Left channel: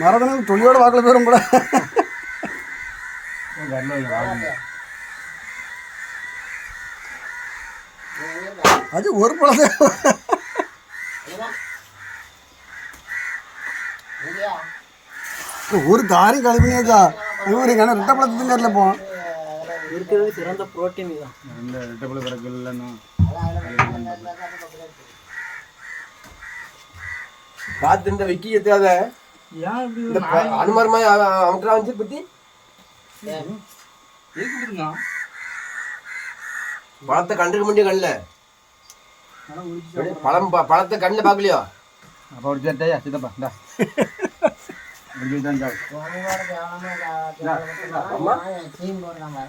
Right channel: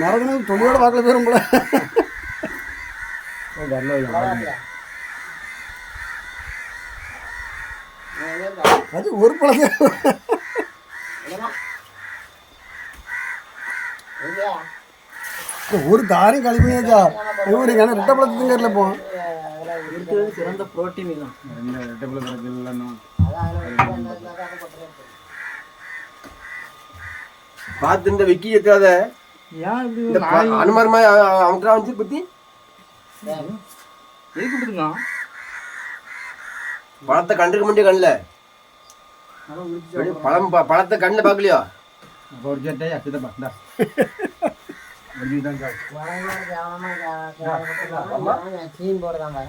மரதனுக்கு தொழியோட வாக்கில் போயிடும் போல. அது ஒரு பழத்தை ஒரு தாரையும் களி பண்ணியாச்சா. ஆனால் ரெட்டை பழத்துங்க இப்போ இருக்கிறது சிறந்த புரோட்டீன் தான். ரெட்டை பழ கிடக்கு இல்லைன்னா பார்த்து இந்த விக்கி எத்தாத அனுமாரமா அவங்கடா வந்து பத்தி பழத்தை கண்டுக்க முடிய கண்ணுல பழத்தை கண்ணுல பாக்கலையோ அப்போ ஒரு சேட்டையா சித்தப்பா போடுறாங்க